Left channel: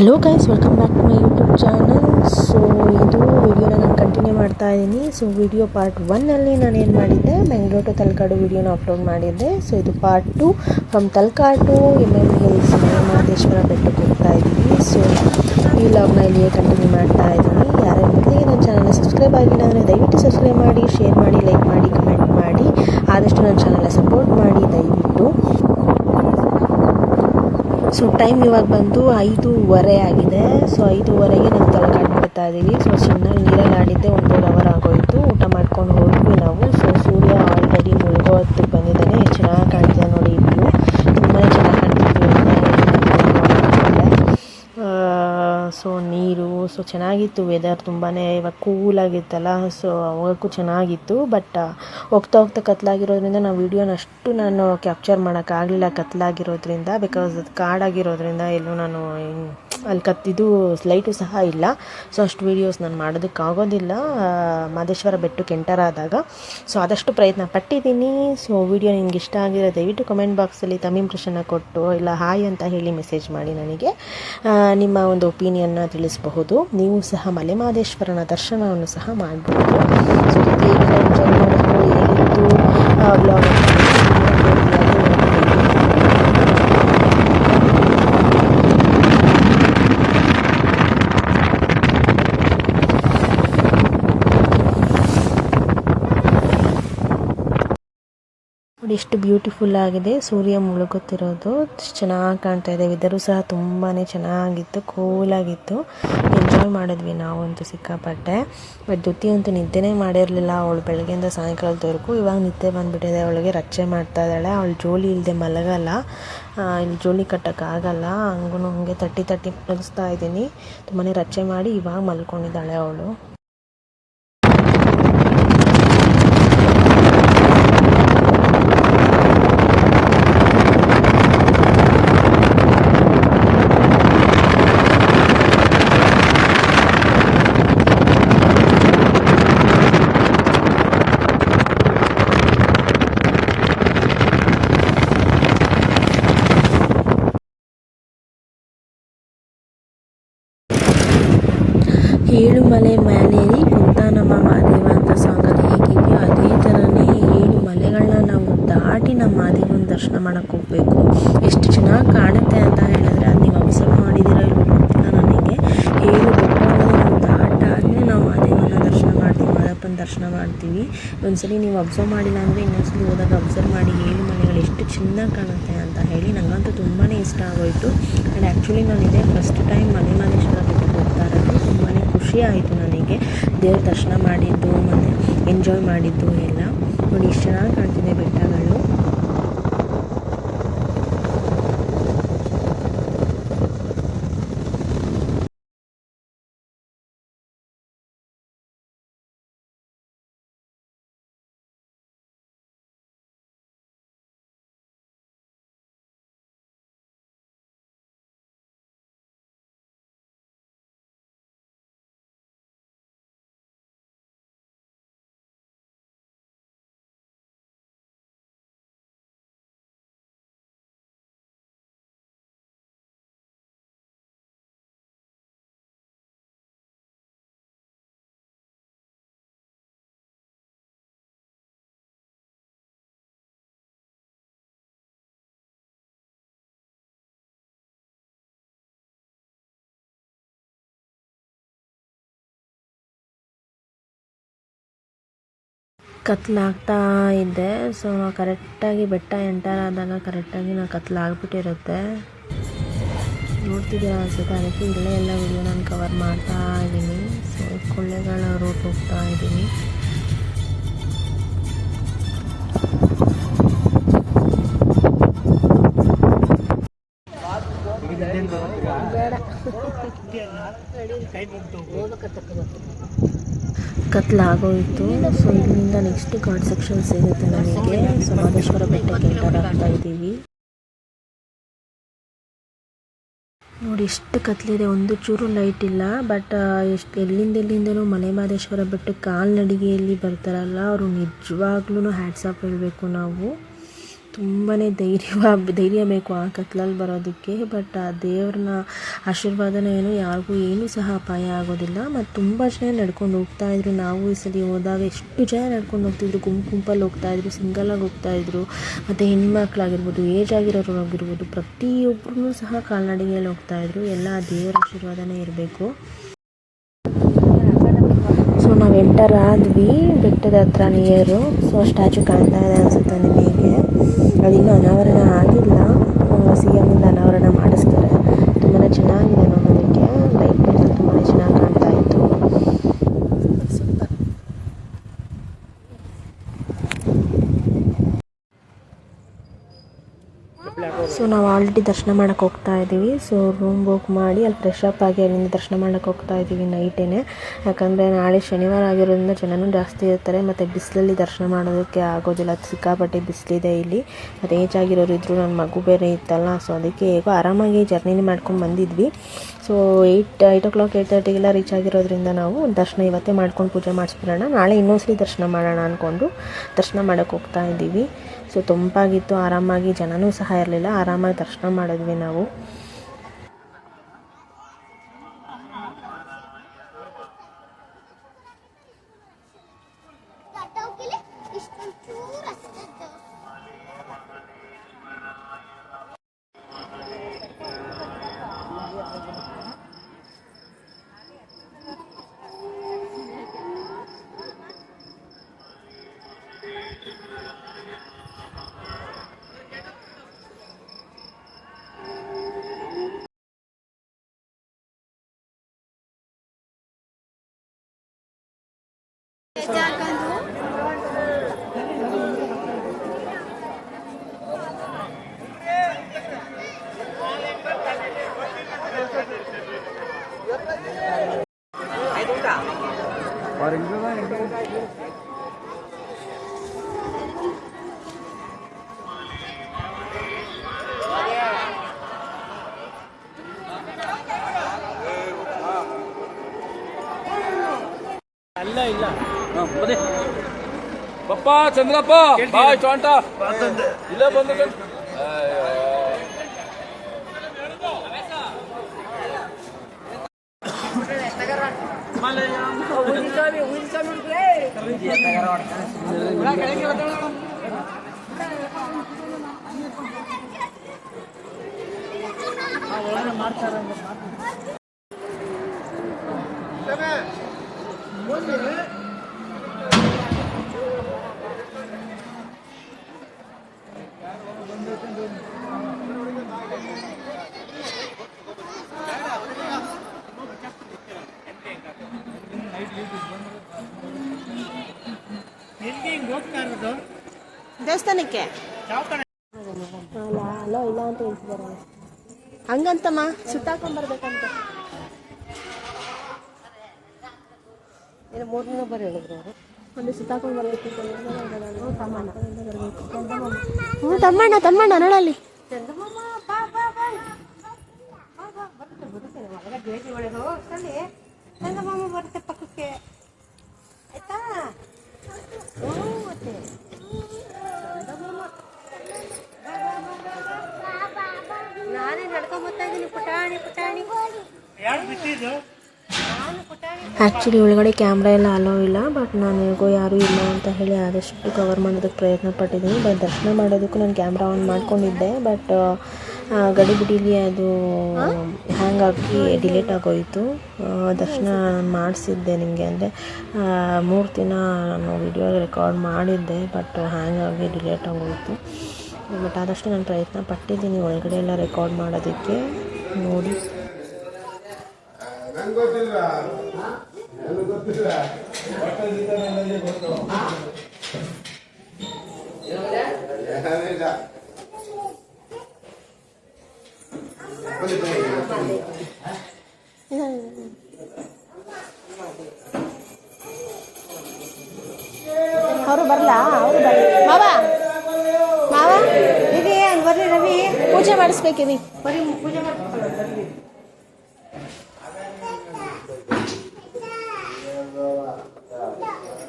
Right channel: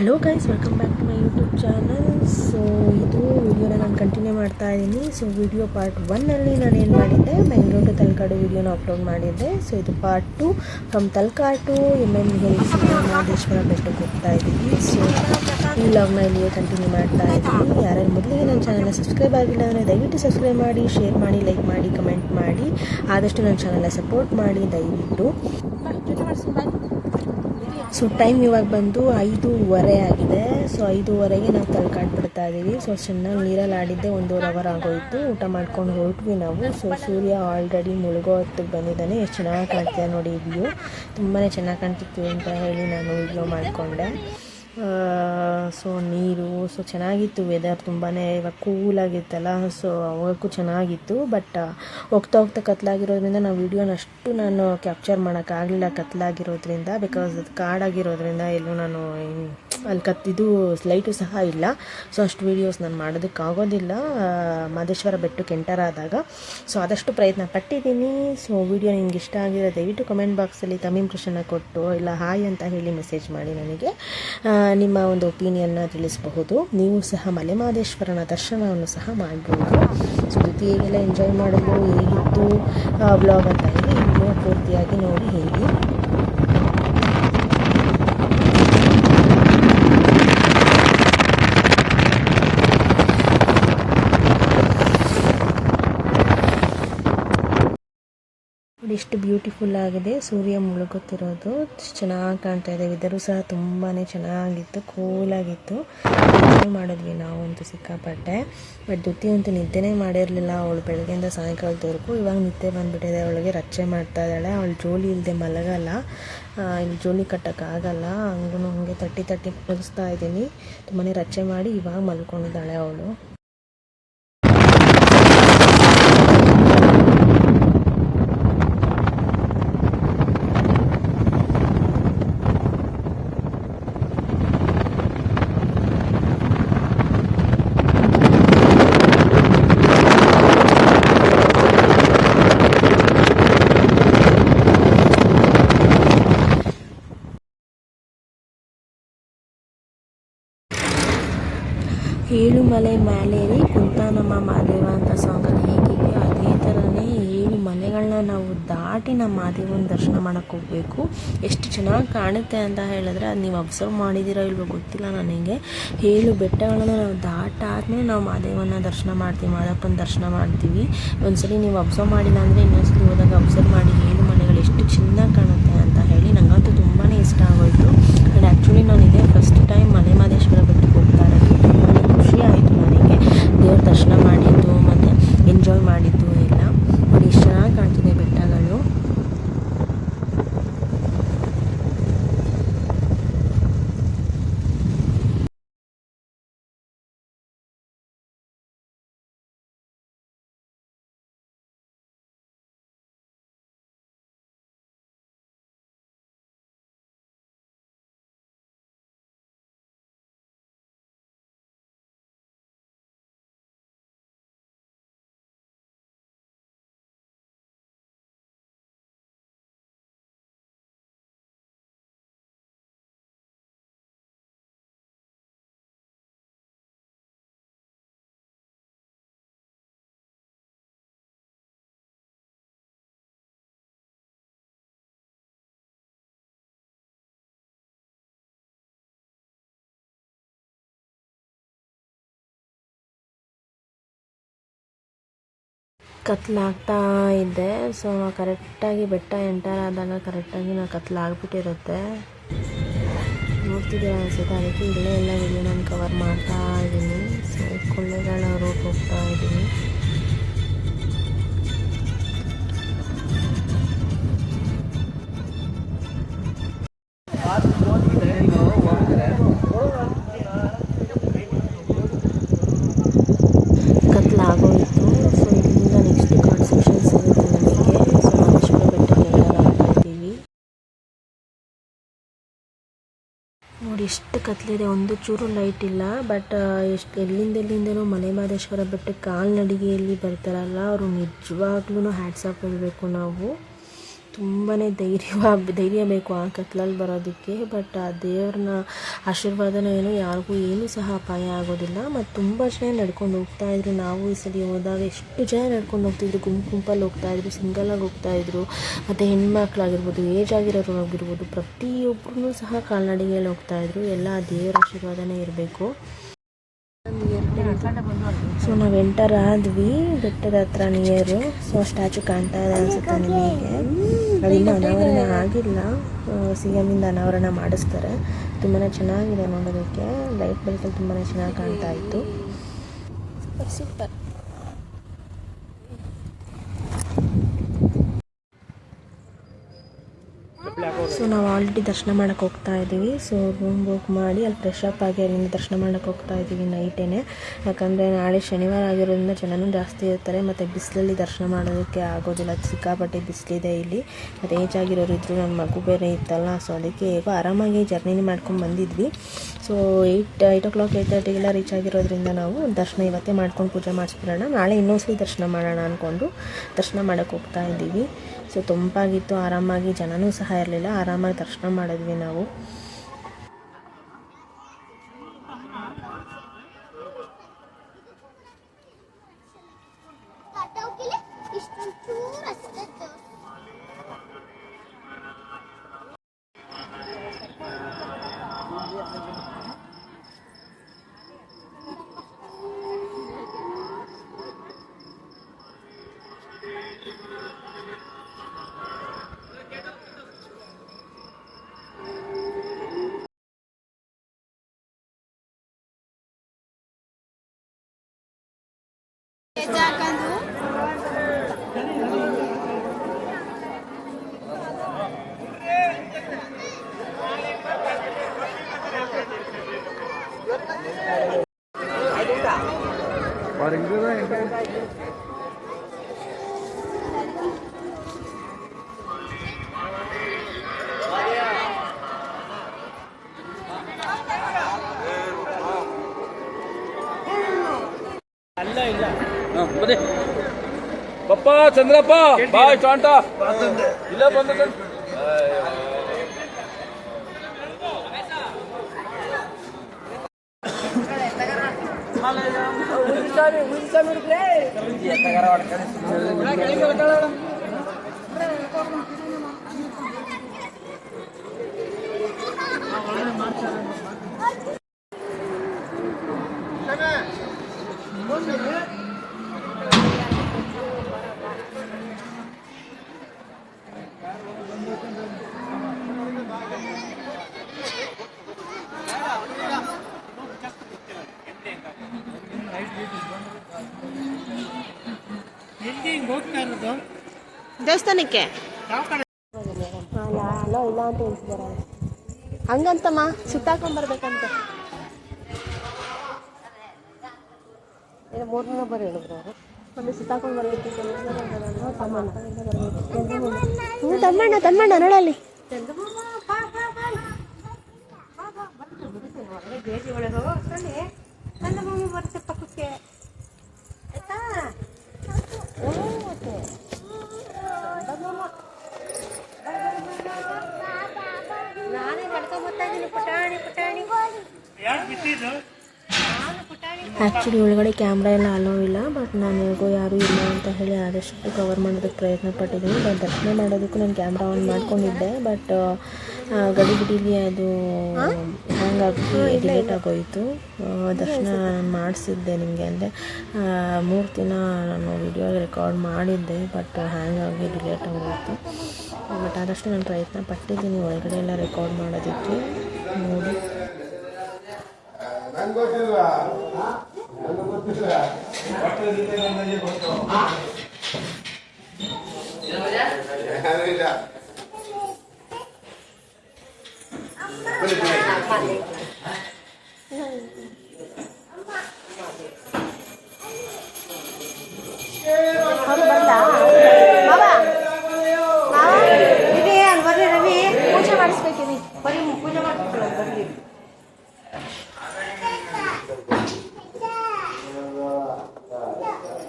Hello guys, welcome back to my YouTube channel. So ಇದು ವಿಡಿಯೋನ ನಾನು ಕಂಟಿನ್ಯೂ ಮಾಡ್ತಾ ಇದ್ದೀನಿ. ಸೊ ವಿಡಿಯೋ ಪಾರ್ಟ್ 1ನಲ್ಲಿ ನಾನು ಏನು ಮಾಡಿದ್ದೆ, ಬೆಂಗಳೂರು ಟು ತಲಕಾಡು ವಿಡಿಯೋನ ಅಪ್ಲೋಡ್ ಮಾಡಿದ್ದೆ. ಸೊ ಇದು part 2, from Talakadu MM hills Mahadeshwara ಬೆಟ್ಟಕ್ಕೆ ಹೋಗ್ತಾ ಇದ್ದೀವಿ. ಸೊ ಈ ವ್ಲಾಗ್ನ ಇಲ್ಲಿಯೇ ಕಂಟಿನ್ಯೂ ಮಾಡ್ತಾ ಇದ್ದೀನಿ. ಯಾರ್ಯಾರು ಮೊದಲಿಗೆ ನನ್ನ ಚಾನಲ್ನ ಸಬ್ಸ್ಕ್ರೈಬ್ ಆಗಿಲ್ಲ ಅಂದರೆ ದಯವಿಟ್ಟು ಸಬ್ಸ್ಕ್ರೈಬ್ ಮಾಡಿ, ಶೇರ್ ಮಾಡಿ, ಲೈಕ್ ಮಾಡಿ, ಕಮೆಂಟ್ ಮಾಡಿ. ಆದಷ್ಟು ನನ್ನ ಚಾನಲ್ನ ಸಪೋರ್ಟ್ ಮಾಡಿ ದಯವಿಟ್ಟು. ಸೊ ಟೈಮ್ ಇವಾಗ ಬಂದು 5:15 ಆಗಿದೆ. ಸೊ 5:15ಗೆ ನಾವು ತಲಕಾಡು ಬಿಡ್ತಾ ಇದ್ದೀವಿ. ಸೊ ಚೆನ್ನಾಗಿ ನೀರಲ್ಲಿ ಆಡಿದ್ದೆ 1.5 ಅವರ್ ಆಗೋಯಿತು. ಊಟ ಮಾಡ್ಕೊಂಡು ಹೋದ್ವಿ ನಾವು. ಸೊ ಸೂರ್ಯ ಆಲ್ರೆಡಿ ಮುಳುಗೋ ಹೊತ್ತಿಗೆ ಬಂದಿದ್ದಾನೆ. ಎಷ್ಟು ಚೆನ್ನಾಗಿ ಕಾಣ್ತಿದೆ ನೋಡಿ ವ್ಯೂ. ತುಂಬಾ ಚೆನ್ನಾಗಿ ಕಾಣ್ತಿದ್ವಿ ಅಂತ ಹೇಳಿ ನಾನು ವಿಡಿಯೋ ಮಾಡ್ಕೊಂಡೆ. ಸೊ ನೀರು ಚೆನ್ನಾಗಿತ್ತು. ವೆದರ್ ತುಂಬಾ ಇವಾಗ ಕೂಲಾಗಿತ್ತಲ್ಲ. ಸೊ ಅವಾಗಕ್ಕೂ ಚೆನ್ನಾಗಿತ್ತು. ಬಟ್ ಹೋಗ್ತಾ ಹೋಗ್ತಾ ಕತ್ಲಾಗಿರೋದ್ರಿಂದ ನಾವು ವೀಡಿಯೋನ ಅಷ್ಟು ನಾನು ಕ್ಯಾಪ್ಚರ್ ಮಾಡೋಕ್ಕಾಗಲಿಲ್ಲ, ಕತ್ಲಾಗಿರೋದ್ರಿಂದ. ಬಿಕಾಸ್ ಅದು ಕಾಡಾಗಿರೋದ್ರಿಂದ ಎಲ್ಲೂ ನಾನು ಅಲ್ಲಿ ಇದು ಲೈಟು ಸಹ ಇಲ್ಲ. ಸೊ ಅಷ್ಟು ವೀಡಿಯೋಸ್ ನಾನು ಮಾಡೋದಕ್ಕಾಗೋದಿಲ್ಲ ಮಹದೇಶ್ವರ ಬೆಟ್ಟಕ್ಕೆ ಎಂಟರ್ ಆದಾಗ. ಸೊ ಆದಷ್ಟು ಪ್ರಯತ್ನ ಪಟ್ಟಿದ್ದೀನಿ. ಸೊ ವಿಡಿಯೋ ನಿಮ್ಗೆ ಇಷ್ಟ ಆಗಿರೋ ದಯವಿಟ್ಟು ಕಮೆಂಟ್ ಬಾಕ್ಸಲ್ಲಿ ತಮ್ಮ ಇಂಪ್ರೆಷನ್ನ ಕೊಟ್ಟು ಇಲ್ಲ ಹಾಯ್ ಅಂತ ಹೇಳಿ ಮೆಸೇಜ್ ಮಾಡಿ ನನಗೆ ನಿಮ್ಮ ಒಂದು ಒಪಿನಿಯನ್ನ ತಿಳಿಸಬಹುದು. ನೀವು ಸಹ ಮಲೆ ಮಹದೇಶ್ವರನ ದರ್ಶನವನ್ನು ಸಹ ಮಾಡ್ಬೋದು. ಸೊ ಜೊತೆ ಹೇಗೆಲ್ಲ ಎಂಜಾಯ್ ಮಾಡಿದ್ರು, ಹೇಗಿತ್ತು ವ್ಲಾಗ್ ಅಂತ ಪೂರ್ತಿಯಾಗಿ ನೋಡಿ ಹೇಳಿ. ಎಷ್ಟು ಬ್ಯೂಟಿಫುಲ್ ಆಗಿದೆ ಸೂರ್ಯ ಮುಳುಗುತ್ತಿರೋದು. ಚೆನ್ನಾಗಿ ಕಾಣ್ತಾ ಇದೆ. ವೆದರು ಸಹ ತುಂಬಾ ಚೆನ್ನಾಗಿತ್ತು, ಕೂಲಾಗಿತ್ತು. ಎಂಜಾಯ್ ಮಾಡಿದ್ವಿ ನಾವಂತೂ ಸಿಕ್ಕಾಪಟ್ಟೆ. ಬಟ್ ದ್ಯುತಿ ಅಂತೂ ನಿದ್ದೆನೇ ಮಾಡಿರಲಿಲ್ಲ ಅವಳು ಬೆಳಗ್ಗೆಯಿಂದ ಸಾಯಂಕಾಲದವರೆಗೂ. ಇವಾಗ ನಿದ್ದೆ ಬಂದುಬಿಟ್ಟಿದೆ ಅವಳಿಗೆ. ರಚ್ಚೆ ಮಾಡ್ತಾ ಇದ್ದಾಳೆ. ಅವಳು ಜೋಲಿ ಇಲ್ಲದೆ ಮಲಗಲ್ಲ. ಇಲ್ಲಿ ಜೋಲಿ ಕಟ್ಟೋಕ್ಕಾಗಲ್ಲ. ಹಂಗೆ ತಟ್ಟಿ ಮಲಗಿಸ್ತಾ ಇದ್ದೀನಿ. ತುಂಬಾ ರಚ್ಚೆ ಮಾಡಿ ಇವಾಗ ಮಲ್ಕೊಂಡಿದ್ದಾಳೆ ಅವಳು. ಏಳುಮಲೆ ಮ್ಯಾಲೇರಿ ಕುಂತಾನಮ್ಮ ಮಹಾದೇವ ಅಂತ ಸಾಂಗಲ್ಲಿ ಹೇಗಿದೆಯೋ ಅದೇ ಥರನೇ 7 ಮಲೆಗಳನ್ನ ನಾವು ದಾಟಿ ನಮ್ಮ ಮಹಾದೇವನ ದರ್ಶನ ಮಾಡೋಕ್ಕೆ ಹೋಗಬೇಕು. ಎಷ್ಟು ಚೆನ್ನಾಗಿ ಕಾಣುತ್ತೆ ಅಂತ ಹೇಳಿದ್ರೆ ಅದು ನೀವು ಅಬ್ಸರ್ವ್ ಮಾಡಿದ್ದೀರೋ ಇಲ್ವೋ ಗೊತ್ತಿಲ್ಲ ನನಗೆ. 7 ಬೆಟ್ಟಗಳನ್ನು ನಾವು ದಾಟಾದ್ಮೇಲೆ ನಾವು ಮಹಾದೇವನ ದರ್ಶನ ಮಾಡ್ತೀವಿ, ಮಾದಪ್ಪನ ದರ್ಶನ ಮಾಡ್ತೀವಿ. ಒಂದ್ಸಲಿ ನೀವು ಅಬ್ಸರ್ವ್ ಮಾಡಿಲ್ಲ ಅಂದರೆ ಇನ್ನೊಂದ್ಸಲಿ ಹೋದಾಗ ಅಬ್ಸರ್ವ್ ಮಾಡಿ 7 ಮಲೆಗಳು ಎಷ್ಟು ಚೆನ್ನಾಗಿ ಕಾಣುತ್ತೆ ಅಂತ ಹೇಳಿ. ನನಗಂತೂ ತುಂಬಾ ಇಷ್ಟ ಆಗೋಯಿತು. ಆ್ಯಂಡ್ ಆ್ಯಕ್ಚುಲಿ ನಾನು ಇದೇ ಫಸ್ಟ್ ಟೈಮ್ ಮಲೆ ಮಹದೇಶ್ವರ ಬೆಟ್ಟಕ್ಕೆ ಹೋಗ್ತಾ ಇರೋದು. ತುಂಬಾ ಖುಷಿ ಆಯಿತು ನನಗೆ ದೇವ್ರ ದರ್ಶನ ಮಾಡಿದ್ದು ಮತ್ತು ಎಂಜಾಯ್ ಮಾಡಿದ್ದು ಎಲ್ಲ. ನೋಡಿ ಎಷ್ಟು ಚೆನ್ನಾಗಿ ಕಾಣ್ತಿದೆ ಬೆಟ್ಟಗಳು. ಕತ್ಲಾಗ್ತಾ ಇದೆ. ಸೊ ಕರೆಕ್ಟಾಗಿ ಬೆಟ್ಟ ಎಂಟರ್ ಆದಾಗ ಕರೆಕ್ಟಾಗಿ ಕತ್ಲಾಗ್ಬಿಟ್ಟಿರುತ್ತೆ. ನೋಡ್ತಿದ್ದೀರಾ ಅನ್ಸುತ್ತೆ. ಅದಕ್ಕೆ ಇಲ್ಲೇ ಎಲ್ಲ ವಿಡಿಯೋ ನಾನು ಕವರ್ ಮಾಡ್ತಾ ಇದ್ದೀನಿ. ಸೊ ಕೊಳ್ಳೆಗಳ ರೂಟ್ ಹೋಗ್ತಾ ಇದ್ದೀನಿ. ಕತ್ಲಾಗೋಯಿತು. ಸೊ ಇಲ್ಲಿಂದ ನೆಕ್ಸ್ಟ್ ಕಾನ್ಸೆಪ್ಷನ್ ಸಿಗುತ್ತೆ ನನಗೆ. ಸೊ ಮಹದೇಶ್ವರ ಬೆಟ್ಟಕ್ಕೆ ಎಂಟರ್ ಆಗ್ತಾ ಇದ್ದೀವಿ. ನೋಡಿ ಎಷ್ಟು ಕತ್ಲಿದೆ, ಒಂದು ಚೂರು ಲೈಟ್ ಇಲ್ಲ. ಬಟ್ ಎಲ್ಲಿಂದನೂ ಮಲೆ ಮಹದೇಶ್ವರ ಬೆಟ್ಟಕ್ಕೆ ಕಾಲ್ನಡಿಗೆಯಲ್ಲಿ ಬರ್ತಾರಲ್ಲ ಅವರು ನಿಜವಾಗ್ಲೂ ಹ್ಯಾಟ್ಸ್ ಆಫ್ ಹೇಳಬೇಕು ನಾವು. ತುಂಬಾ ಧೈರ್ಯ ಬೇಕು ಆ ಕತ್ಲಲ್ಲಿ ಬರೋದಕ್ಕೆ. ಬಟ್ ಆ ದೇವ್ರನ್ನ ಆಶೀರ್ವಾದನ ಯಾರಿಗೂ ಸಹ ಅಪಾಯ ಆಗೋದಿಲ್ಲ. ಮತ್ತು ತುಂಬ ಜನ ನಡ್ಕೊಂಡು ಹೋಗ್ತಾಯಿದ್ರು. ನಾವು ಈ ಸಲ ಹೋದಾಗ ಎಷ್ಟು ಜನ ನಡ್ಕೊಂಡು ಹೋಗ್ತಿದ್ರು, ಗುಂಪಲ್ಲಿ ಹೋಗ್ತಾಯಿದ್ರು, ಸಿಂಗಲಾಗಿ ಹೋಗ್ತಾಯಿದ್ರು. ಮತ್ತು ಹೆಣ್ಮಕ್ಳಾಗಿರ್ಬೋದು, ಏಜ್ ಆಗಿರೋರು ಆಗಿರ್ಬೋದು, ಪ್ರತಿಯೊಬ್ಬರೂ ಸಹ ಕಾಲ್ನಡಿಗೆಯಲ್ಲಿ ಹೋಗ್ತಾಯಿದ್ರು. ಎಲ್ಲ ಆ ದೇವರ ಆಶೀರ್ವಾದನೇ ಇರಬೇಕು. ಸೊ ನಾವು ಎಂಟರ್ ಆದ್ವಿ ಬೆಟ್ಟದ ಹತ್ರ ನಿಯರು. ಸೊ ಸ್ಟ್ಯಾಚು ಕಾಣ್ತಾ ಇದೆ ಅನಿಸುತ್ತೆ ನಿಮಗೆ. ಅದಿನ್ನೂ ಅನಾವರಣ ಆಗಿಲ್ಲ, CM ಇಂದ ಅನಾವರಣ ಮಾಡಿಸ್ತಾರೆ. ತುಂಬಾ ಚೆನ್ನಾಗಿದೆ ನೋಡೋದಕ್ಕೆ. ಲೈಟ್ ಅಂತೂ ತುಂಬಾ ಚೆನ್ನಾಗಿ ಕಾಣ್ತಾ ಇತ್ತು. ಸೂಪರ್. ಸೊ ನಾವು ಆಲ್ರೆಡಿ ದರ್ಶನ ಮಾಡೋಕ್ಕೆ ಹೋಗ್ತಾ ಇದ್ದೀವಿ. ಸೊ ರೂಮ್ ಬುಕ್ ಮಾಡಿ ಅಲ್ಲಿ ಫ್ರೆಶ್ ಅಪ್ ಆಗಿ ಅಲ್ಲಿಂದ ದರ್ಶನ ಮಾಡೋಕ್ಕೆ ಹೋಗ್ತಾ ಇದ್ದೀವಿ ನೈಟೇನೆ. ಯಾಕಂದರೆ ನಾಳೆ ಶನಿವಾರ ಆಗಿರೋದ್ರಿಂದ ಜನನೂ ಜಾಸ್ತಿ ಇರ್ತಾರೆ. ಮತ್ತು ಬಿಸಿಲಲ್ಲಿ ದರ್ಶನ ಮಾಡೋದಕ್ಕೆ ಆಗೋದಿಲ್ಲ, ಸಿಕ್ಕಾಪಟ್ಟೆ ಬಿಸಿಲಿದೆ ಇಲ್ಲಿ. ಮತ್ತು ಏಜ್ ಆಗಿರೋರು ಇದ್ದರು, ನನ್ನ ಮಗು ಬೇರೆ ಇತ್ತಲ್ಲ. ಸೊ ಅದಕ್ಕೆ ಹೇಗೋ ಆರಾಮಾಗಿ ಜರ್ನಿನೇ ಮಾಡ್ಕೊಂಡು ಬಂದಿದ್ವಿ. ಸೊ 8 o'clock 8:30ಗೆಲ್ಲ ರೀಚ್ ಆಗಿರೋದ್ರಿಂದ ನಾವು ದರ್ಶನ ಇವತ್ತೇ ಮಾಡ್ಕೊಂಡು ಪೂಜೆ ಮಾಡಿಸ್ಬಿಡೋಣ, ನಾಳೆ ಇನ್ನೊಂದ್ಸಲಿ ದರ್ಶನ ಮಾಡೋಣ ಅಂದ್ಕೊಂಡು ದರ್ಶನ ಮಾಡೋಕ್ಕೆ ಹೋಗ್ತಾ ಇದ್ದೀವಿ. ಸೊ ತಂಪಾಗಿತ್ತು, ಆರಾಮಾಗಿ, ಜನನೂ ಸಹ ಇರಲಿಲ್ಲ, ಆರಾಮಾಗಿ ದರ್ಶನ ಮಾಡಿದ್ವಿ ನಾವು. ಪಪ್ಪ ಚಂದ್ರಪ್ಪ ಬಾಯ್ ಕಾಂಟ ಇಲ್ಲ ಬಂದ ದೇವಸ್ಥಾನಕ್ಕೆ ಅಲ್ಲ ಇಲ್ಲ ಅಂತ ಹೇಳ್ತಿದಾರ. ಹಂಗಂತಮ್ಮ ಸುತ್ತಾಕೊಂಡ್ಬರ್ಬೇಕಂತ 3 ದಿನ ಬರ ಹೇಳಿದ್ರು ಅವರು. ಅಲ್ಲಿ ಸುತ್ತಾಕೊಂಡು ಬರಬೇಕು, ತಮ್ಮಣ್ಣ ನಡಲ್ಲಿ ಬರುತ್ತೆ ಪಕ್ಕಕ್ಕೆ ಆಯ್ತಾ. ಮತ್ತೆ ನಾನೇ ನಡ್ಕೊಂಡ್ ಬರ್ತಾ ಇದ್ದೀನಿ. ಪುಟಾಣಿ ಆ್ಯಕ್ಚುಲಿ ಒಳಗಡೆ ಕ್ಯಾಮ್ರಾ ಎಲ್ಲ ಅಲೋ ಇಲ್ಲ. ಬಟ್ ನಾನು ಹೇಗೋ ಯಾರೂ ಇಲ್ಲ ಅಂತ ಹೇಳಿ ಆದಷ್ಟು ಕವರ್ ಮಾಡೋದಕ್ಕೆ ಪ್ರಯತ್ನ ಪಟ್ಟಿದ್ದೀನಿ. ಬಟ್ ದರ್ಶನ ಮಾಡೋದಕ್ಕೂ ನಾನು ಕ್ಯಾಮ್ರಾ ಆನ್ ಮಾಡ್ಕೊಂಡಿದ್ದೆ. ಬಟ್ ಗಡಿಬಿಡಿಲಿ ಅದು ಹ್ಯಾಂಗ್ ಆಗಿ ಡಿಲೀಟ್ ಆಗೋಯಿತು. ದರ್ಶನ ನಾನು ಮಾಡಿಸಿದ್ದೆ ನಿಮಗೆ, ಅಂದರೆ 3 ದಿನ ನಾನು ವಿಡಿಯೋ ರೆಕಾರ್ಡ್ ಮಾಡಿದ್ದೆ. ಬಟ್ ಹ್ಯಾಂಗ್ ಆಗಿ ಡಿಲೀಟ್ ಆಗೋಯಿತು. ಬಟ್ ಆದಷ್ಟು ನಾನು ಪ್ರಯತ್ನ ಪಟ್ಟಿದ್ದೀನಿ ಒಳಗಡೆ ಎಲ್ಲ ರೆಕಾರ್ಡ್ ಮಾಡೋದಕ್ಕೆ. ನೋಡಿ ಪೂಜೆ ಮಾಡಿಸ್ಬೇಕಿವಿ, ಪೂಜೆ ಮಾಡ್ಕೊಳ್ಳೋದು ಬರ್ಲಿ.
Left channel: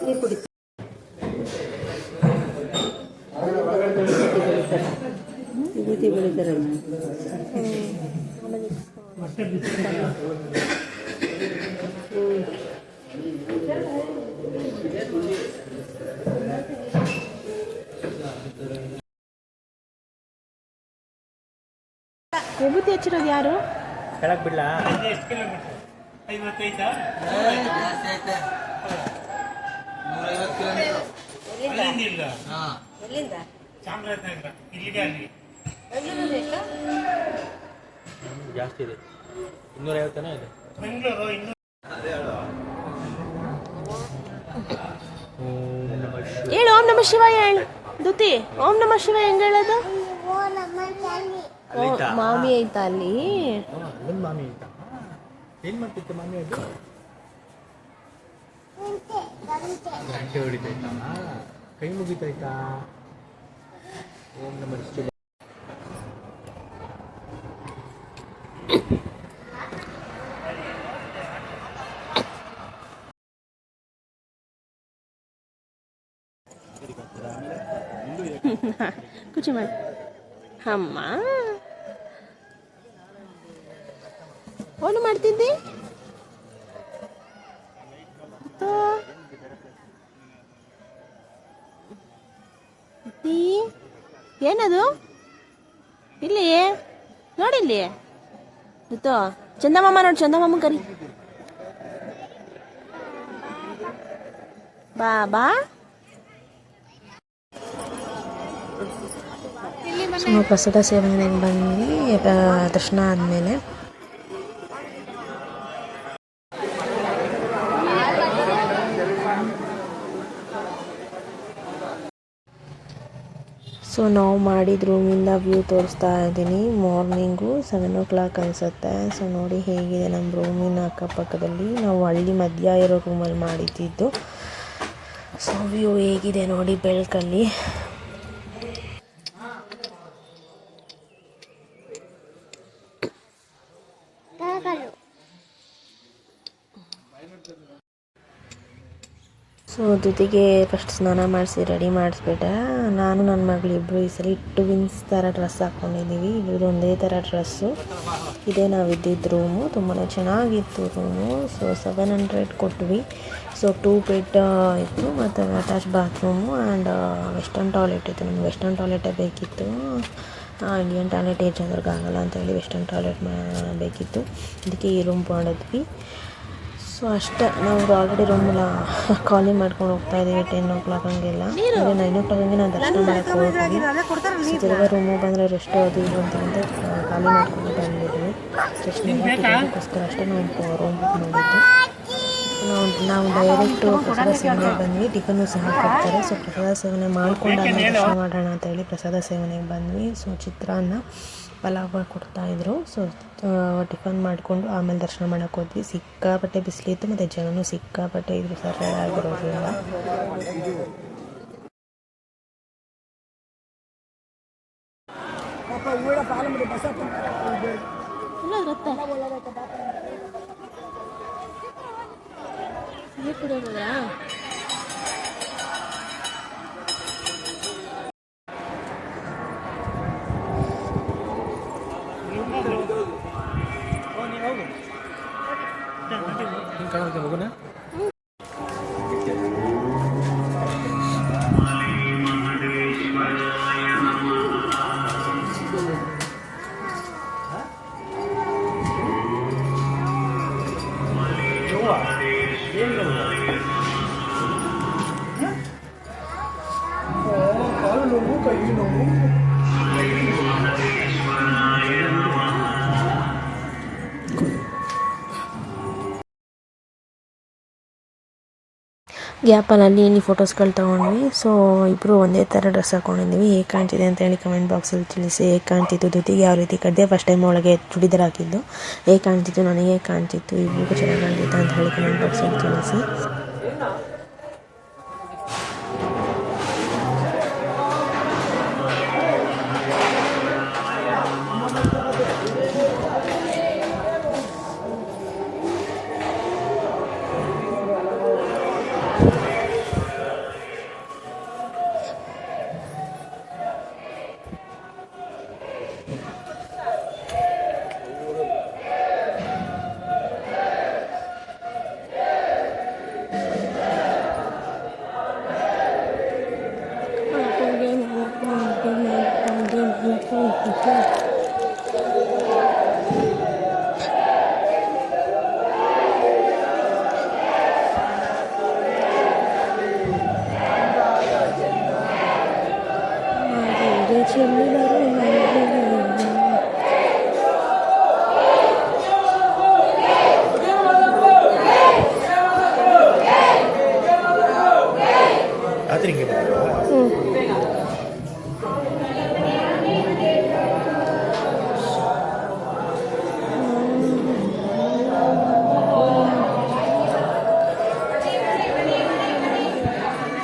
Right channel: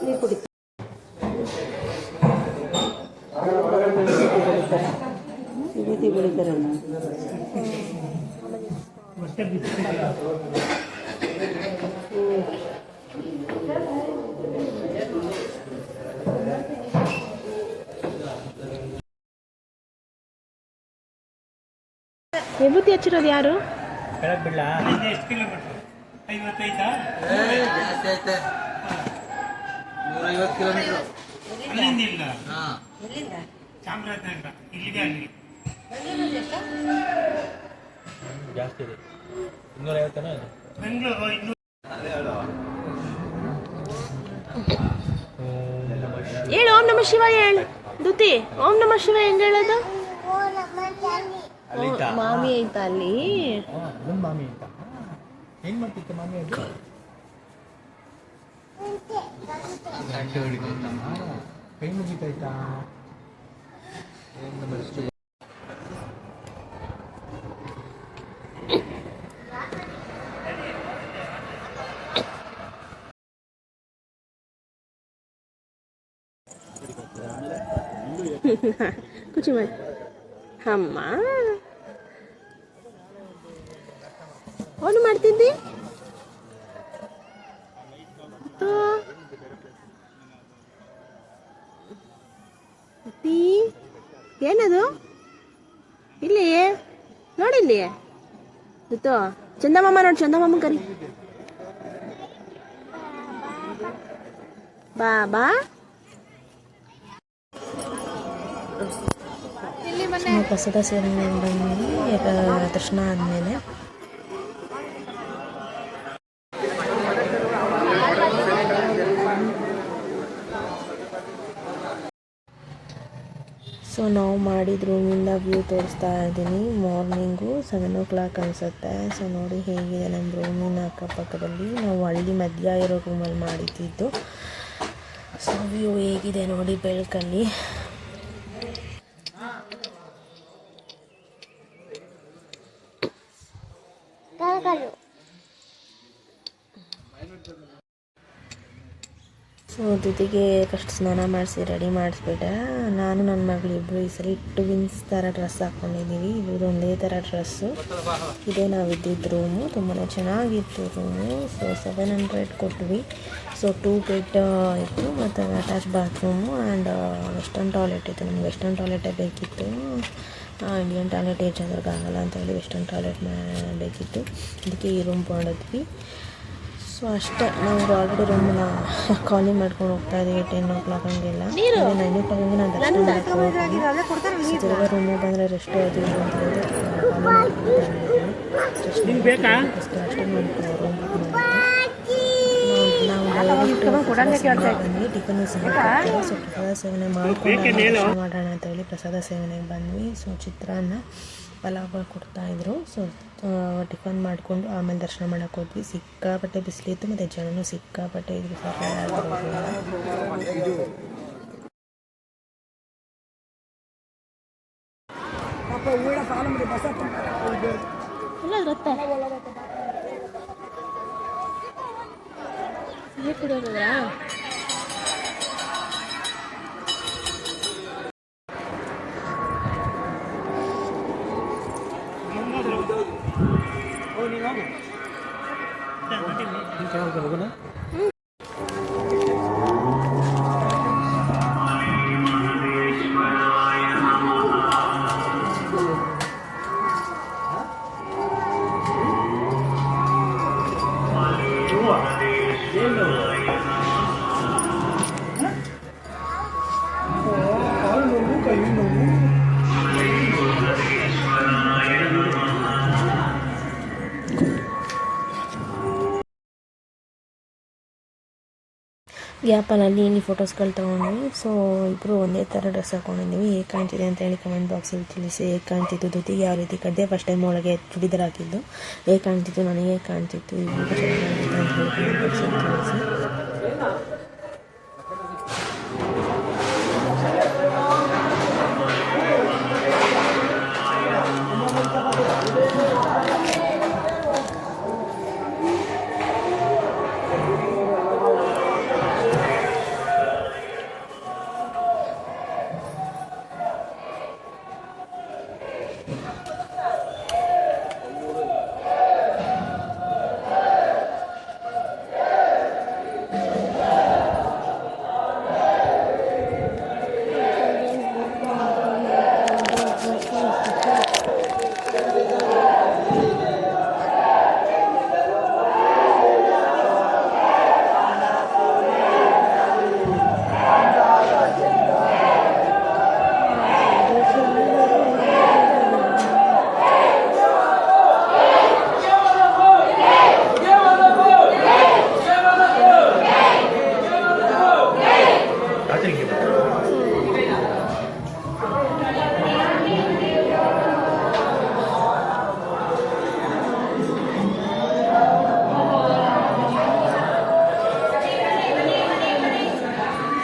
ನೀರು ಕುಡಿ. ಬೆಳಿತಾರೆ. ವಿಭೂತಿ ಹಚ್ಚಿರೋದು ಯಾರು? ಕೆಳಗೆ ಬಿಡ್ಲಾ? ಜಾಸ್ತಿ ಐತೆ 150 ಕಿಲೋಮೀಟರ್. ಜಾಸ್ತಿ ಇದೆ, 250 ಇದೆ. ಹೇಳು ಓಂ ನಮ ಶಿವಾಯ ಹೇಳು ದುತಿ. ಓಂ ನಮ ಶಿವಾಯ ಹೆಂಗ್ ಹೇಳೋದು? ಮಾಮಿ ಐತಾ ಅಲ್ಲಿ? ಮಾಮಿ ಅಂತ ಹೆಂಗ್ ಮಾಡ್ತಿತ್ತು ಮಾಮಿ ಅದು? ಗಂಟೆ ಹೊಡಿತೈತಾ? ಕೈ ಮುಗಿತೈತಾ? ಕುಚಿ ಮಾಡಿ ಅಮ್ಮ ಏನು ಮಾಡ್ತಿದ್ದಿ? ಏನದು ಇಲ್ಲಿ ನೋಡಿಲ್ಲಿ ಗೊತ್ತೋ? ಚಂದಮಾಮ ನೋಡಿ, ಚಂದಮಾಮ ಕರಿ. ಬಾ ಬಾ. ಪ್ರಸಾದ ಸೇವನೆಗೆ ಬಂದು ದರ್ಶನ ಆದಮೇಲೆ ಸೊ ನಾವು ಮಾಡಿದ ರೂಮಿಂದ ವ್ಯೂ ತೋರಿಸ್ತಾ ಇದ್ದೀನಿ. ಮಾರ್ನಿಂಗು 7 o'clock ಅನಿಸುತ್ತೆ. ಸೊ ನೋಡಿ ಹೇಗಿದೆ ನಮ್ಮ ರೂಮಿನ ಅಕ್ಕಪಕ್ಕದಲ್ಲಿ. ನಾವು ಹಳ್ಳಿ ಮಧ್ಯ ಇರೋ ರೂಮಲ್ಲಿ ಮಾಡಿದ್ದು. ಸೊ ವ್ಯೂ ಹೇಗಿದೆ ನೋಡಿ ಬೆಳಕಲ್ಲಿ. ಸೊ ಜೊತೆಗೆ ಫಸ್ಟ್ ಸ್ನಾನ ಮಾಡಿಸಿ ರೆಡಿ ಮಾಡಿಸ್ಬಿಟ್ಟೆ. ನಾನು ನನ್ನ ಮಗಳು ಇಬ್ಬರು ಈ ಸಲ ಟ್ವಿನ್ಸ್ ಥರ ಡ್ರೆಸ್ ಹಾಕ್ಕೊಂಡಿದ್ದೀವಿ. ಇಬ್ಬರದ್ದು ಒಂದೇ ಥರ ಡ್ರೆಸ್ಸು. ಇದೇ ನಾವಿದ್ದಿದ್ದು ರೂಮು. ತುಂಬಾ ಚೆನ್ನಾಗಿತ್ತು ರೂಮು. ಸೊ 700 ಕೊಟ್ವಿ. ಸೊ 2 ಬೆಡ್ ಇತ್ತು ಮತ್ತು attach bathroom and western toilet ಇತ್ತು. ನಮ್ಗೆ ವೆಸ್ಟರ್ನ್ ಟಾಯ್ಲೆಟೇ ಬೇಕಿತ್ತು. ಇಂಡಿಯನ್ ಟಾಯ್ಲೆಟ್ ಏಜ್ ಆಗೋಲ್ಲ ಅಂತೇಳಿ ವೆಸ್ಟರ್ನ್ ಟಾಯ್ಲೆಟ್ ಬೇಕಿತ್ತು. ಅದಕ್ಕೆ ಈ ರೂಮ್ ಮಾಡಿದ್ವಿ. ಸೊ ಅಷ್ಟೇ, ನಾವು ಆಲ್ರೆಡಿ ರೂಮನ್ನ ಖಾಲಿ ಮಾಡ್ಕೊಂಡು ಹೋಗ್ತಾ ಇದ್ದೀವಿ. 10 o'clock ಹಂಗೆಲ್ಲ. 9 o'clock ಹಂಗೆ ನಾನು ದರ್ಶನ ಮಾಡೋಕ್ಕೆ ಹೋಗ್ತೀವಿ. ಸೊ ತಿರ್ಗಾ ರೂಮಿಗೆ ಬಂದರೆ ರೆಸ್ಟು ಅದು ಇದು ಅಂತಂದರೆ ಖಾಲಿ ಮಾಡ್ಕೊಂಡು ಬಂದಿದ್ದೀವಿ. ಜಸ್ಟ್ ಅದಕ್ಕೋಸ್ಕರ ಅಷ್ಟೇ ನಾವು ರೂಮ್ ಬುಕ್ ಮಾಡಿದ್ದು. ನಾವು ಡೈರೆಕ್ಟು ಪ್ರಸಾದ ಸೇವನೆಗೆ ಬಂದ್ವಿ. ಟಿಫನ್ನು ಸಹ ಕೊಡ್ತಾರೆ. ಸೊ ಪ್ರಸಾದ ಸೇವನೆ ಮಾಡ್ಕೊಂಡಾಗ ದರ್ಶನ ಮಾಡೋಣ ಅಂತ ಹೇಳಿ ಪ್ರಸಾದ ಸೇವನೆಗೆ ಬಂದ್ವಿ. ಸೊ ಚಿತ್ರಾನ್ನ ಪಲಾವ್ ಕೊಡ್ತಾಯಿದ್ರು. ಸೊ ಟಿಫನ್ ಮಾಡಿಕೊಂಡು ಆಮೇಲೆ ದರ್ಶನ ಮಾಡೋಕ್ಕೆ ಹೋದ್ವಿ. ಸಿಕ್ಕಾಪಟ್ಟೆ ಬಿಸಿಲಿತ್ತು ಮತ್ತು ಜನನೂ ಸಿಕ್ಕಾಪಟ್ಟೆ ಇದ್ರು ಸರಿಯಾಗಿರೋದ್ರಿಂದ. ಹೋಗೋಣ. ಗ್ಯಾಪಲ್ಲಿ ಇಲ್ಲಿ ಫೋಟೋಸ್ಗಳು ತೊಗೊಂಡ್ವಿ. ಸೊ ಇಬ್ಬರು ಒಂದೇ ಥರ ಡ್ರೆಸ್ ಹಾಕ್ಕೊಂಡಿದ್ದೀವಿ. ಹೇಗೆ ಕಾಣ್ತಿದೆ ಅಂತ ಹೇಳಿ ಕಮೆಂಟ್ ಬಾಕ್ಸಲ್ಲಿ ತಿಳಿಸಿ. ಹೇಗೆ ಕಾಣ್ತಿತ್ತು ದುತಿಗೆ ಯಾವ ರೀತಿ ಕಡ್ದೆ ಫಸ್ಟ್ ಟೈಮ್ ಒಳಗೆ ಚೂಡಿದಾರ್ ಹಾಕಿದ್ದು ಹೇಗೆ ಕಾಣ್ತಿತ್ತು, ನನಗೆ ಹೇಗೆ ಕಾಣ್ತಿತ್ತು, ಇಬ್ಬರಿಗೂ ಚೆನ್ನಾಗಿ ಕಾಣ್ತಿತ್ತು ಅಂತ ಹೇಳಿ ಕಮೆಂಟ್ ಬಾಕ್ಸಲ್ಲಿ ತಿಳಿಸಿ. ಹಿಂಗೆ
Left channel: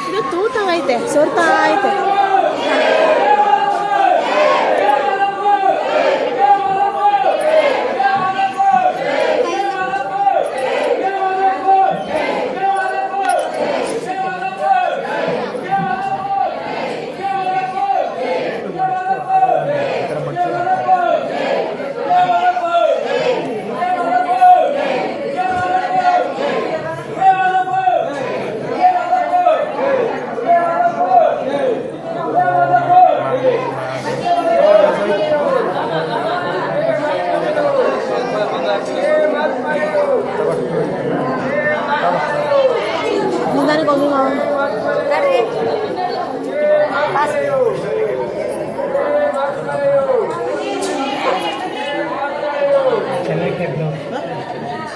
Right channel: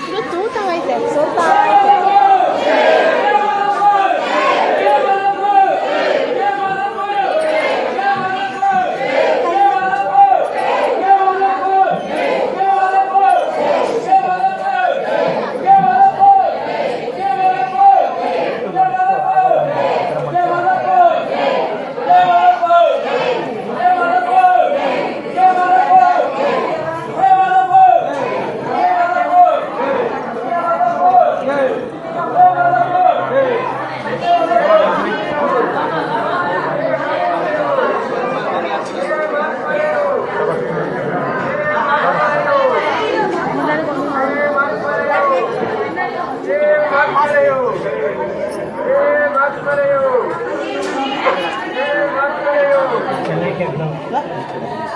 ಇದು ತೂತಾಗೈತೆ ಸೋರ್ತಾ ಐತೆ.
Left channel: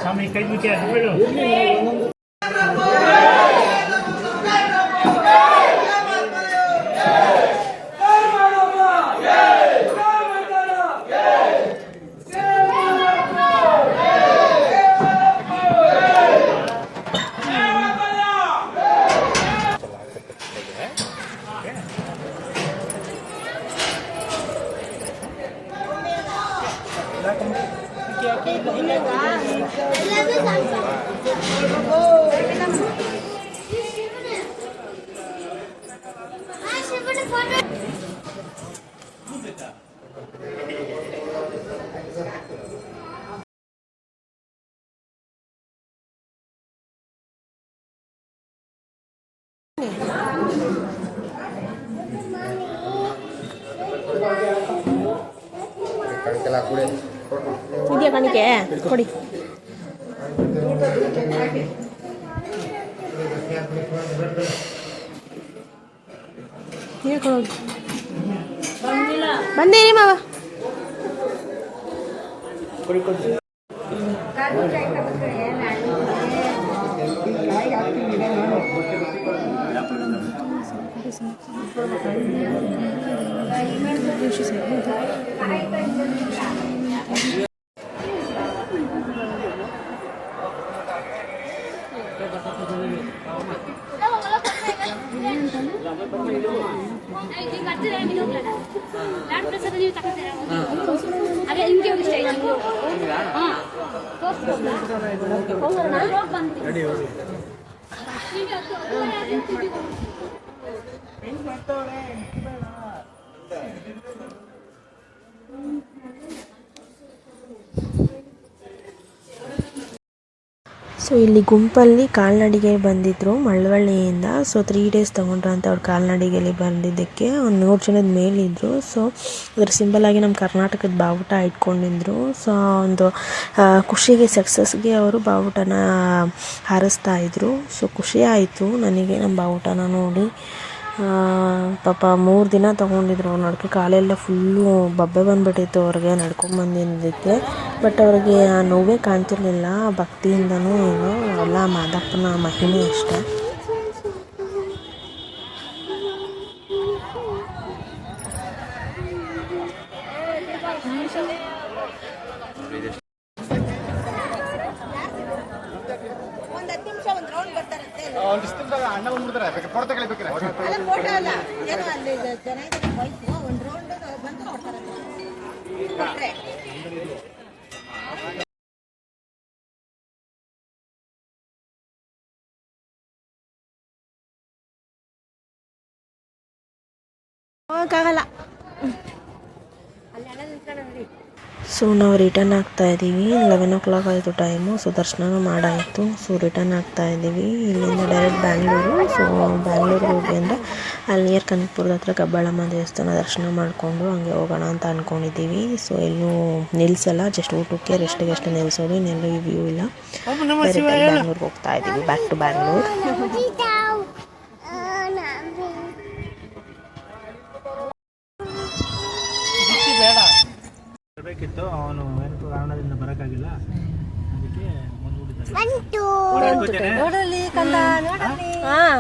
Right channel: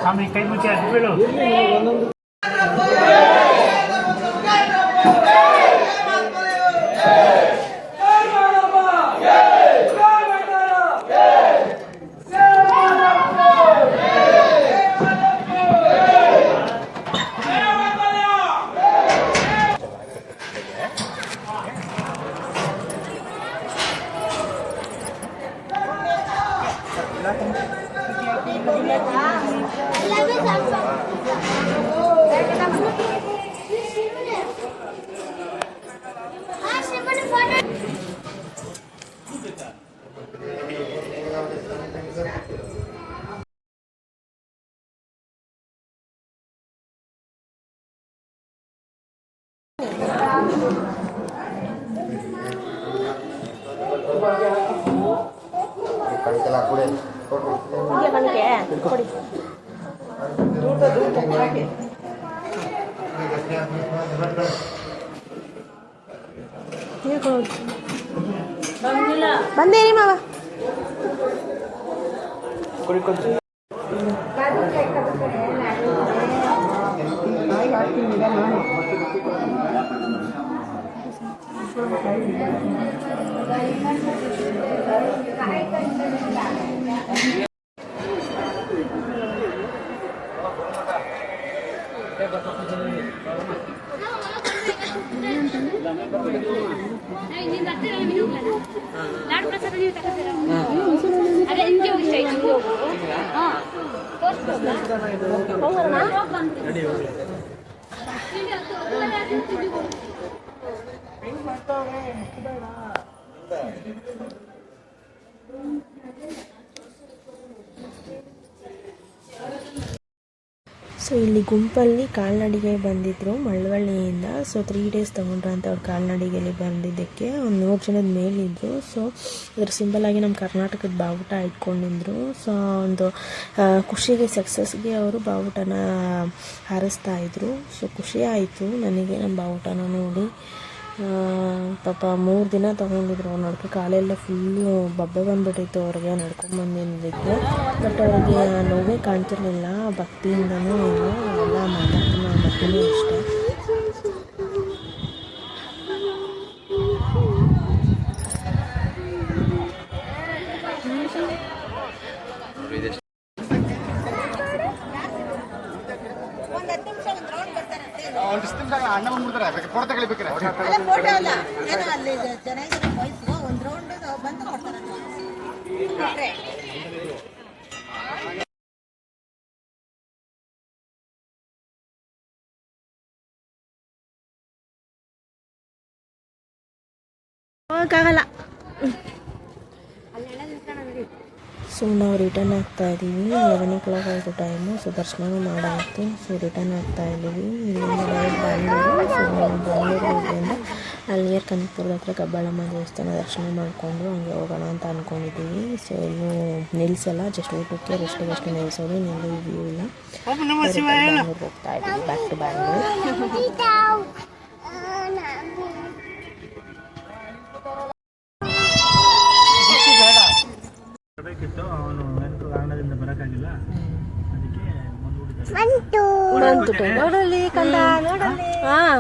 ಸ್ವಾಮಿ ಕೈ ಮುಚ್ಚಿ ಅದು ಬೀಳು. ಇದೆಯಾ ಕಣಿಕೆ ಕೊಡಿ. ಬಂದೇರಿ ಮಾವ. ಸೊ ಇಲ್ಲಿ ಗುಂಪಲ್ಲಿ ಕಾಲ್ನಡಿಗೆ ಬಂದಿದ್ರು ಮಳವಳ್ಳಿಯಿಂದ. ಸೊ 3 ಡೇಸ್ ತೊಗೊಂಡ್ರಂತೆ ಅವ್ರು ಕಾಲ್ನಡಿಗೆಯಲ್ಲಿ ಬಂದಿದ್ದಕ್ಕೆ. ಒಂದು 100 ಜನದ ಮೇಲಿದ್ರು. ಸೊ ಅದ್ರ ಸಿಂಬಲ್ ಆಗಿ ನಮ್ಮ ಕರ್ನಾಟಕದ ಬಾವುಟ ಇಟ್ಕೊಂಡಿದ್ರು. ಸೊ ಒಂದು ಖುಷಿಗೆ ಸಕ್ಸಸ್ಗೆ ಅವರು ಬಾವುಟನ ಹಾರಿಸ್ತಾ ಇದ್ರು. ಸೊ ಖುಷಿ ಆಯಿತು ನನಗೆ ನಮ್ಮ ಬಾವುಟನ ನೋಡಿ. ಪಾಪ 3 ದಿನ ತೊಗೊಂಡಿದ್ರು ಅವ್ರು ನಡ್ಕೆ. ಕಾಲೆಲ್ಲ ಫುಲ್ಲು ಬಬ್ಬೆ ಬಂದುಬಿಟ್ಟಿತ್ತು ಅವ್ರಿಗೆ ನಡ್ಕೊಂಬಂದಿದ್ದಕ್ಕೆ. ಬಟ್ ಅವ್ರಿಗೆ ನೋವೇ ಕಾಣ್ತಿರ್ಲಿಲ್ಲ. ಭಕ್ತಿಯಿಂದನೂ ಏನೋ ಎಲ್ಲ ಮಾದಪ್ಪನ ಮಹಿಮೆ ಅಷ್ಟೇ. ಅಣ್ಣ ಬಂದ್ಬಿಡ್ತಾರೆ ಫೋಟೋ ತಗೊಳ್ಬೇಕಾರೆ. ಹೋಗಕ್ಕಾಗಲ್ಲ. ಸೊ ನಾವು ರಿಟರ್ನ್ ಆಗ್ತಾ ಇದ್ದೀವಿ. 11 o'clock ಆಯಿತು ಟೈಮು. ಸೊ ದರ್ಶನನೂ ಮಾಡಾಯಿತು. ಸೊ ರಿಟರ್ನ್ ಆಗ್ತಾ ಇದ್ದೀವಿ. ಇಲ್ಲಿಂದ ಡೈರೆಕ್ಟ್ ಬ್ಯಾಂಗ್ಳೂರು. ಸೊ ಬ್ಯಾಂಗ್ಳೂರಿಗೆ ಹೋಗಿ ಅಂದರೆ ಅಲ್ಲಿ ನಿಯರ್ ಕನಕಪುರದ ಹತ್ರ ಕಬ್ಬಾಳಮ್ಮ ದೇವಸ್ಥಾನ ದರ್ಶನ ಮಾಡಿಕೊಂಡು ಹಂಗೆ ಹೋಗೋಣ ಅಂತ ಅಂದ್ಕೊಂಡಿದ್ದೀವಿ. ಸೊ ಎಲ್ಲೂ ನಿಲ್ಲಿಸಲ್ಲ, ಜಸ್ಟ್ ಊಟಕ್ಕೆ ರೆಸ್ಟಿಗೆ ಅಷ್ಟೇ ನಿಲ್ಲಿಸೋದು. ಇನ್ನೆಲ್ಲೂ ಈ ವ್ಯೂ ಇಲ್ಲ. ಬ್ಯಾಂಗ್ಳೂರಿಗೆ ಹೋಗ್ತಾ ಇದ್ದೀವಿ, ಬ್ಯಾಕ್ ಟು ಬ್ಯಾಂಗ್ಳೂರ್. ಬೇಕಿತ್ತು, ಅವನು ಏನು ಕಾರಣದಿಂದ ಬರೋಕ್ಕಾಗಿಲ್ಲ, ಅದಕ್ಕೆ ಬಂದ್ಬಿಟ್ಟಿದ್ದಾರೆ. ನೋಡಲಿ ಕಂದ ನೋಡಲಿ. ಹಾಂ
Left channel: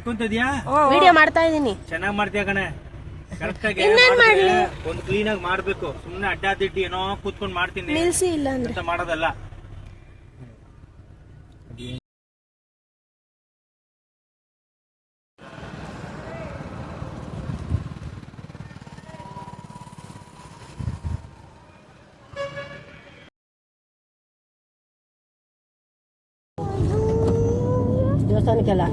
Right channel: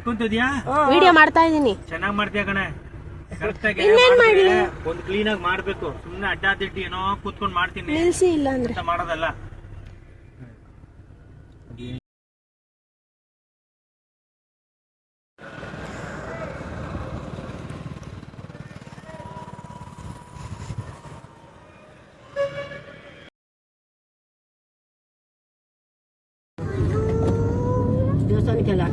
ಇಟ್ಕೊಂತಿದ್ಯಾ ವಿಡಿಯೋ ಮಾಡ್ತಾ ಇದ್ದೀನಿ. ಚೆನ್ನಾಗಿ ಮಾಡ್ತೀಯ ಕಣೆ. ಕರೆಕ್ಟ್ ಆಗಿ ಇನ್ನೇನ್ ಮಾಡ್ಲಿ? ಒಂದು ಕ್ಲೀನ್ ಆಗಿ ಮಾಡ್ಬೇಕು. ಸುಮ್ನೆ ಅಡ್ಡಾದಿಟ್ಟಿ ಏನೋ ಕೂತ್ಕೊಂಡ್ ಮಾಡ್ತೀನಿ ನಿಲ್ಸಿ ಇಲ್ಲ ಅಂದ್ರೆ ಅಂತ ಮಾಡೋದಲ್ಲ. ದೇವಸ್ಥಾನಕ್ಕೆಲ್ಲ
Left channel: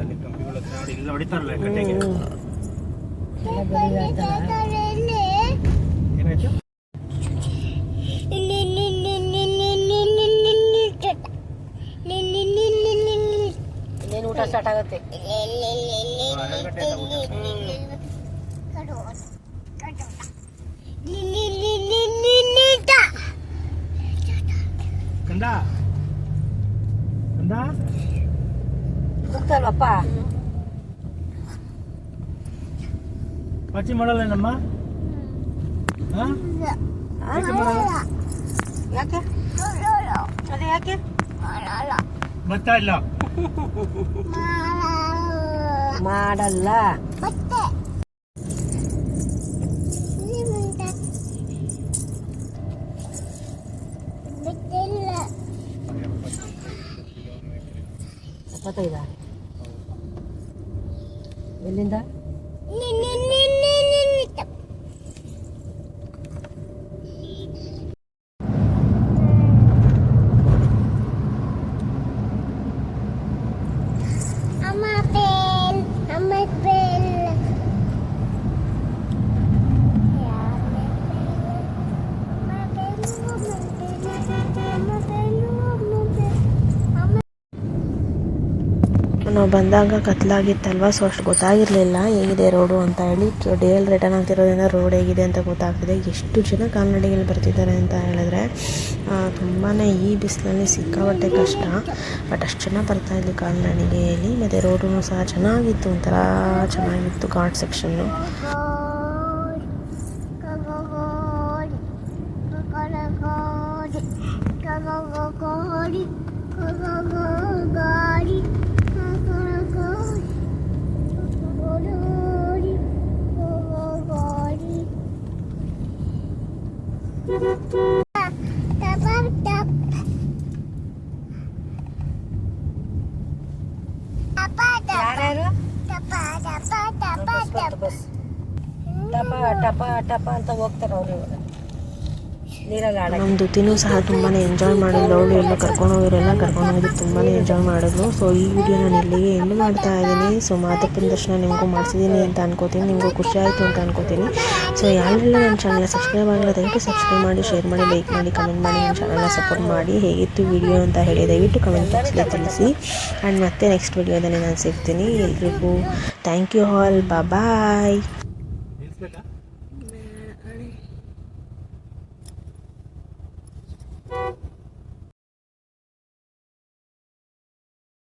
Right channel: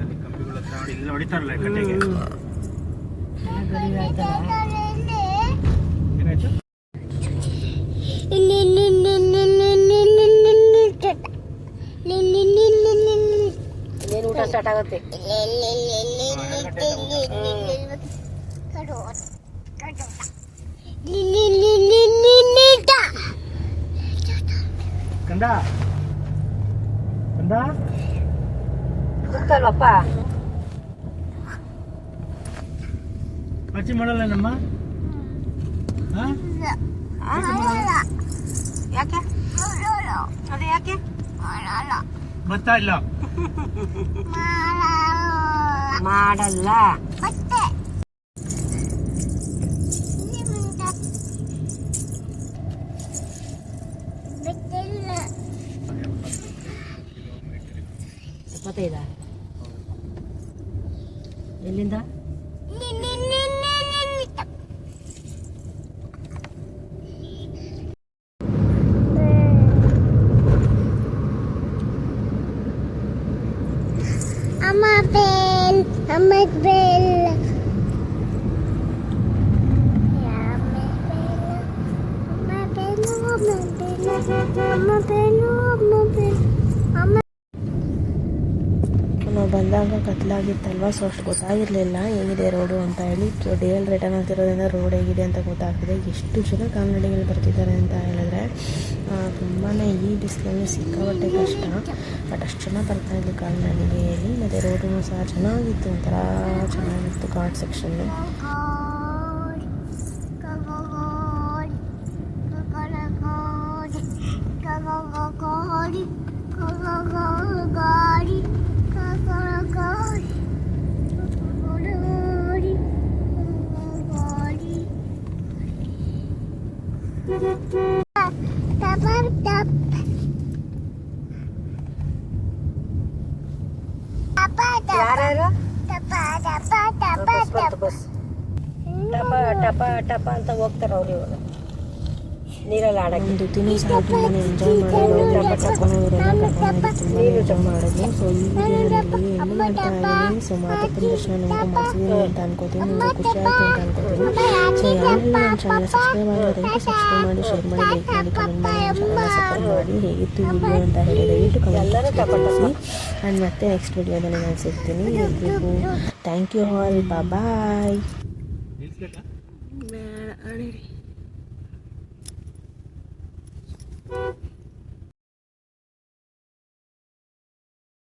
ಅಲ್ಲಿ ಕಂಬಿಗಳ ಹತ್ರ ನೋಡಿ ಇಲ್ಲ ಹೊಡಿತಾರಲ್ಲ ಕಟ್ಟೆಗೆ. ಏನಾಯ್ತು? ಇನ್ನೇನು ಊಟ ಸ್ಟಾರ್ಟ್ ಆಗುತ್ತೆ. ಕಂದ ಕಂದ ಗೊತ್ತಲ್ವಪ್ಪ ಪಾಚಿ ಮಾಡಲ್ಲ ನಮ್ಮ ಯಾಕೆ ಅದೇ ಯಾಕೆ ಬರ್ತಾ ಇಲ್ಲ ಮಾಡಲ್ಲ. ಎಪ್ಪತ್ತೈದ ಎಲ್ಲಿಂದ ನಾವು ಬಂದಾಗ ಕತ್ಲಾಗಿತ್ತಲ್ವ, ಸೊ ಅಷ್ಟು ಗೊತ್ತಾಗಿರಲಿಲ್ಲ ಹೇಗಿದೆ ರೋಡು ಅಂತ ಹೇಳಿ. ಡೇಲ್ ರಿಟರ್ನ್ ಆಗ್ತಿರೋದ್ರಿಂದ ರೋಡ್ ಹೇಗಿದೆ ಅಂತ ಗೊತ್ತಾಗ್ತಿದೆ. ಎಷ್ಟು ಜನ ಕಾಲ್ನಡಿಗೆಯಲ್ಲಿ ಬರ್ತಿದ್ದಾರೆ ಅಂತ ಹೇಳಿದ್ರೆ ತುಂಬಾ ಈ ಬಿಸಿಲಲ್ಲಿ ಸಿಕ್ಕಾಪಟ್ಟೆ ಕಷ್ಟ. ಬಟ್ ಅಷ್ಟು ಜನ ಬರ್ತಾಯಿದ್ವಿ ಕಾಲ್ನಡಿಗೆಯಲ್ಲಿ. ಮತ್ತು ರೋಡು ಸಹ ಚೆನ್ನಾಗಿತ್ತು, ಒಂಥರ ಚೆನ್ನಾಗಿತ್ತು ಘಾಟ್ ಸೆಕ್ಷನ್ನು. ಯಾರ್ಯಾರು ಬಸ್ ಟಪ ಟಪ ಟಪ ಅಂತ ಹೋಗ್ತಾರೆ ಅವ್ರು. ಇವಾಗ ನೀರಲ್ಲಿ ಆಡ ನಮ್ಮ ದುತಿನೂ ಸಹ ತುಂಬಾ ಎಂಜಾಯ್ ಮಾಡಿದ್ರು. ಅವರೆಲ್ಲ ಕರ್ಕೊಂಡೋಗಿರೆಲ್ಲ ಕರ್ಕೊಂಡೋಗಿ ತುಂಬಾ ಎಂಜಾಯ್ ಮಾಡಿದ್ರು. ಸೊ ಈ ವಿಡಿಯೋ ನಾನು ಇಲ್ಲಿಗೆ ಎಂಡ್ ಮಾಡ್ತಾ ಇದ್ದೀನಿ. ಸೊ ಮಾದಪ್ಪನ ದರ್ಶನ ನಿಮಗೂ ಮಾಡಿಸಿದ್ದೀನಿ ಅಂತ ಅನ್ಕೋತೀನಿ, ನಿಮಗೂ ಖುಷಿ ಆಯಿತು ಅಂತ ಅನ್ಕೋತೀನಿ. ಸೊ ಯಾರೆಲ್ಲ ನನ್ನ ಚಾನಲ್ ಸಬ್ಸ್ಕ್ರೈಬ್ ಆಗಿಲ್ಲ ದಯವಿಟ್ಟು ಸಬ್ಸ್ಕ್ರೈಬ್ ಮಾಡಿ, ಶೇರ್ ಮಾಡಿ, ಲೈಕ್ ಮಾಡಿ, ಕಮೆಂಟ್ ಮಾಡಿ, ನನ್ನ ಚಾನಲ್ನ ಸಪೋರ್ಟ್ ಮಾಡಿ. ಹೇಗಿತ್ತು ವಿಡಿಯೋ ಅಂತ ಹೇಳಿ ದಯವಿಟ್ಟು ಕಮೆಂಟ್ ಬಾಕ್ಸಲ್ಲಿ ತಿಳಿಸಿ. ಆ್ಯಂಡ್ ಮತ್ತೆ ನೆಕ್ಸ್ಟ್ ವಿಡಿಯೋದಲ್ಲಿ ನಾನು ಸಿಗ್ತೀನಿ. ಎಲ್ರಿಗೂ ಥ್ಯಾಂಕ್ ಯು ಆಲ್, ಬಾಯ್.